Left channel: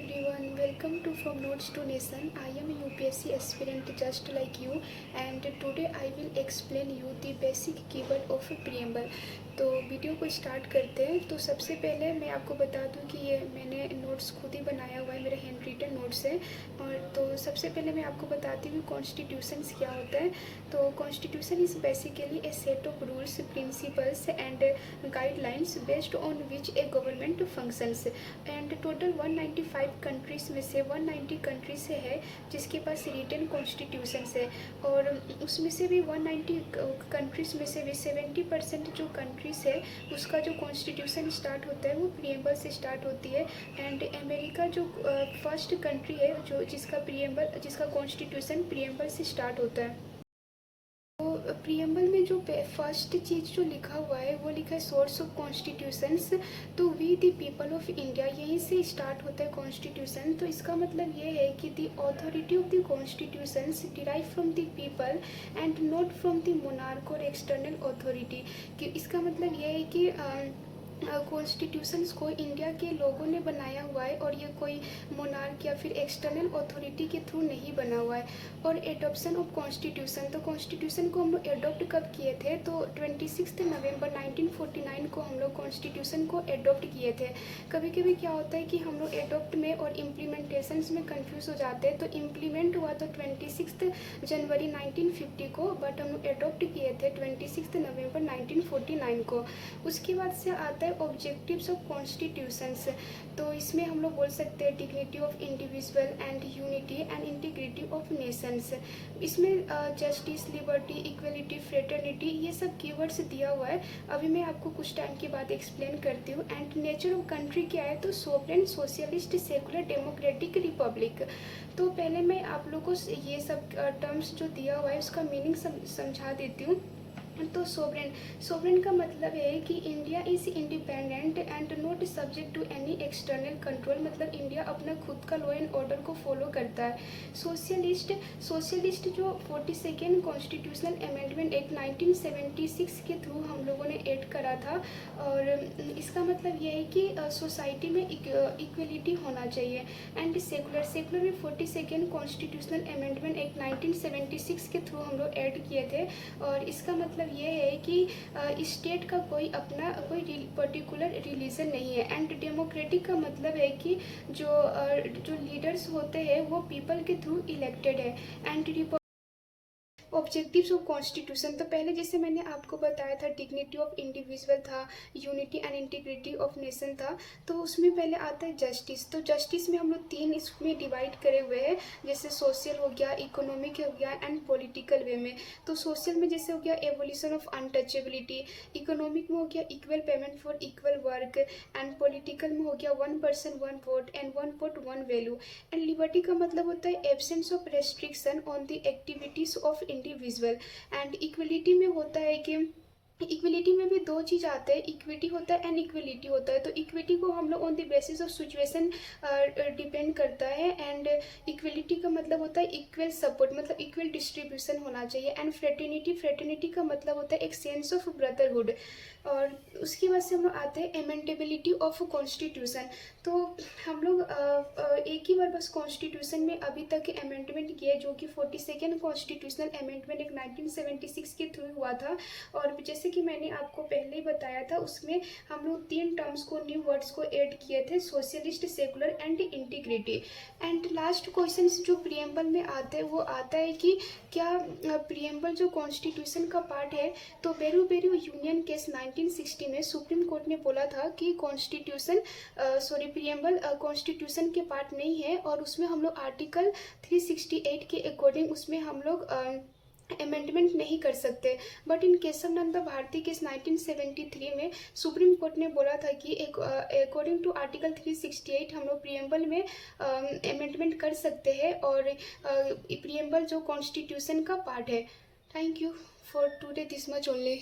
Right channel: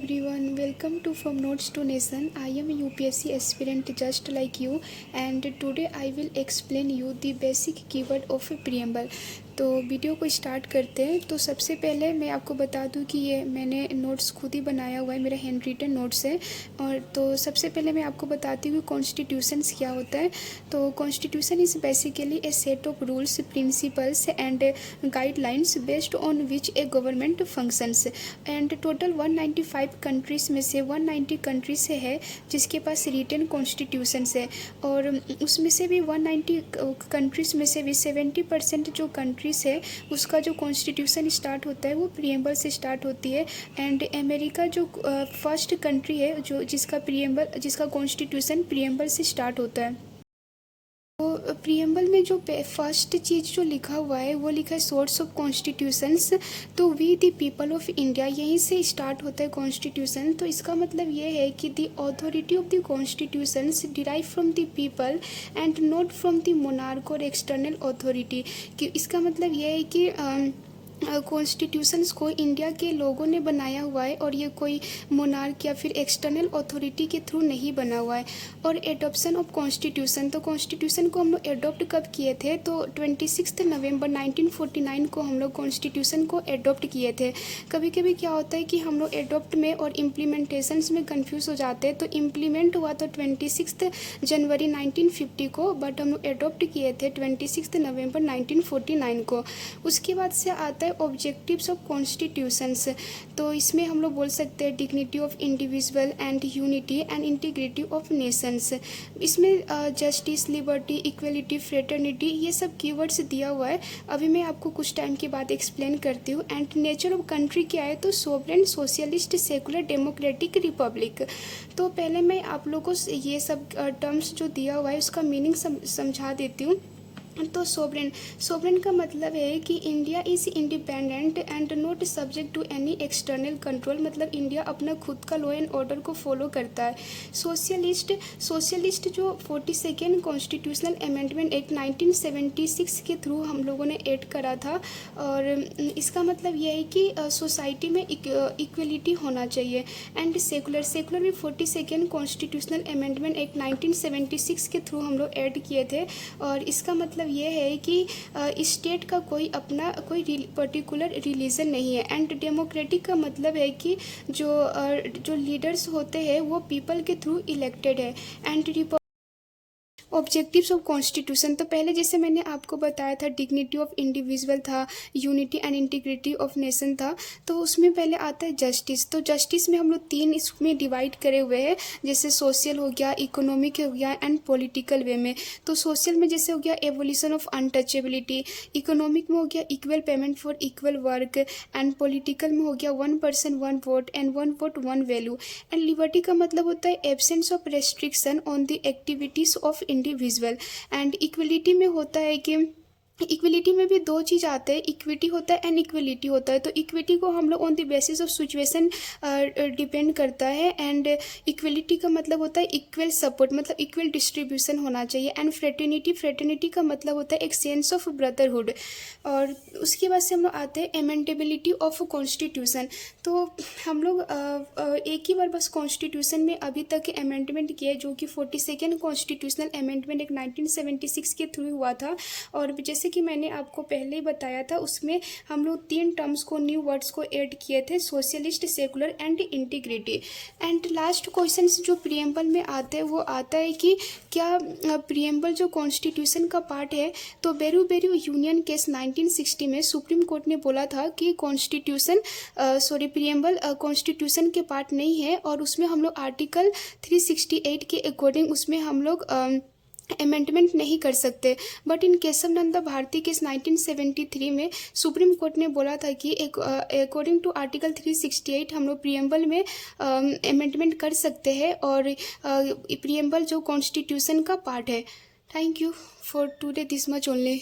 everyone, welcome to From Notes to Nation. I am a UPSC aspirant just like you, and today I will explain you the basic keyword of preamble. तो video को start करते हैं। तो सबसे पहले मैं आपको बता दूं कि ये मैंने नोट्स खुद ही बनाया हुआ है, मेरा हैंड रिटन नोट्स है। और तो सबसे पहले मैं आपको बताती हूँ कॉन्स्टिट्यूशंस क्या होता है। तो constitution is basically A set of rules, principles and guidelines based on which A government functions. And total 195 countries में से 190 कंट्रीज से है जिसके पास रिटन कॉन्स्टिट्यूशंस है। और उसमें से भी 190 कंट्रीज़ में से भी 70% जो कंट्रीज़ है उसका जो कॉन्स्टिट्यूशन स्टार्ट होता है वो प्रीएम्बल से स्टार्ट होती है। एंड अमेरिका जो फर्स्ट कंट्री है जो जिसका कॉन्स्टिट्यूशन प्रीएम्बल से स्टार्ट होता है। तो प्रीएम्बल में जो फर्स्ट चीज़ जो लिखा हुआ है वो लिखा है सोर्स ऑफ कॉन्स्टिट्यूशंस। तो we the people of India, यहीं से स्टार्ट होता है कॉन्स्टिट्यूशन। तो इसका मतलब ये है कि the authority of the constitutions derive from the people and not from the monarch और एक्सटर्नल अथॉरिटी। कि इसका मतलब ये है कि कॉन्स्टिट्यूशंस को इंडिया के लोगों ने बनाया हुआ है और ये कोई मोनार्क या फिर एक्सटर्नल अथॉरिटी के थ्रू नहीं बना हुआ है। और एडॉप्शन ऑफ कॉन्स्टिट्यूशन, तो कॉन्स्टिट्यूशन को हम लोग एडॉप्ट कब किए थे? तो 26 नवंबर 1949 को हम लोग कॉन्स्टिट्यूशन को एडॉप्ट किए थे। कभी कभी क्या होता है कि हम लोग एडॉप्ट में और इम्प्लीमेंटेशंस में कंफ्यूज हो जाते हैं। तो इम्प्लीमेंट हुआ तो 26 जनवरी 1950 को, बट हम लोग एडॉप्ट किए थे 26 नवंबर 1949 को। उसके बाद से आता है ऑब्जेक्टिव्स ऑफ कॉन्स्टिट्यूशंस। तो इसमें हम लोग बोल सकते हैं dignity of individual and unity and integrity of Nations. इसमें जस्टिस, लिबर्टी, इक्वलिटी, फ्रेटर्निटी, ये सब कीवर्ड्स दिया हुआ है। अभी मैं आपको कुछ टाइम के बाद एक्सप्लेन करती हूँ। एंड नेचर ऑफ कंट्री क्या है? तो sovereign, socialist, secular, democratic, Republic. तो पहले मैं आप लोगों को ये सब टर्म्स जो दिया हुआ है उसका मीनिंग समझा देती हूँ। तो सोवरेन का मतलब है कि India is independent and not subject to any external control, मतलब इंडिया अपना खुद का लॉ एंड ऑर्डर को फॉलो करता है। सोशलिस्ट जो 42nd कॉन्स्टिट्यूशनल अमेंडमेंट एक्ट 1976 के थ्रू हम लोगों ने ऐड करा था। और इसका मतलब यह है कि सोसाइटी में इक्वलिटी होना चाहिए। एंड सेकुलर भी 42nd कॉन्स्टिट्यूशनल अमेंडमेंट एक्ट 1976 के थ्रू हम लोग ऐड किए थे। और इसका मतलब ये है कि स्टेट का कोई पर्टिकुलर रिलीजन नहीं है। एंड डेमोक्रेटिक का मतलब है कि जो लीडर्स होते हैं वो पीपल के थ्रू इलेक्टेड है। एंड ऑब्जेक्टिव्स ऑफ कॉन्स्टिट्यूशन, तो पहले जैसे मैंने आपको बताया था डिग्निटी ऑफ इंडिविजुअल था, unity and integrity of nation था। तो उसमें पहले आता है जस्टिस। तो जस्टिस में हम लोग 3 इसमें डिवाइड करे हुए हैं, जैसे सोशल हो गया, इकोनॉमिक हो गया एंड पॉलिटिकल वे में। तो सोशल में जैसे हो गया एवोल्यूशन ऑफ अनटचेबिलिटी, इकोनॉमिक में हो गया equal payment for equal work, and political में हो गया 1 person 1 vote and 1 vote 1 value. And liberty का मतलब होता है absence of restriction on the activities of individual. And equality में होता है कि इक्वलिटी में भी 2 चीज़ आते हैं, इक्विटी होता है एंड इक्वलिटी होता है। तो इक्विटी को हम लोग on the basis of situation depend करता है। एंड इक्वलिटी का मतलब होता है इक्वल सपोर्ट, मतलब इक्वल डिस्ट्रीब्यूशन होना चाहिए। एंड फ्रेटर्निटी का मतलब होता है एक सेंस ऑफ ब्रदरहुड। और उसके बाद से हम लोग आते हैं अमेंडेबिलिटी ऑफ कॉन्स्टिट्यूशन। तो हम लोग एक ही बार बस कॉन्स्टिट्यूशन में अभी तक अमेंडमेंट किए जो कि 42nd कॉन्स्टिट्यूशनल अमेंडमेंट एक 1976 के थ्रू हुआ था। और जैसे कि मैंने आपको पहले ही बताया था उसमें हम लोग 3 टर्म्स को, न्यू वर्ड्स को ऐड किए थे, socialist, secular and integrity. And last question जो प्रीएम्बल में आते हैं वो आता है कि क्या प्रीएम्बल जो कॉन्स्टिट्यूशन का पार्ट है? तो बेरू यूनियन केस 1960 में सुप्रीम कोर्ट ने बोला था कि प्रीएम्बल कॉन्स्टिट्यूशन के पार्ट नहीं है। और उसमें हम लोग आर्टिकल 368 के अकॉर्डिंग उसमें हम लोग अमेंडमेंट नहीं कर सकते। But in Keshav Nanda Bharati case 1973 में सुप्रीम कोर्ट ने बोला था कि अकॉर्डिंग टू आर्टिकल 368 हम लोग प्रीएम्बल में अमेंडमेंट कर सकते हैं और प्रीएम्बल जो कॉन्स्टिट्यूशन का पार्ट है। Thank you for today, this much only.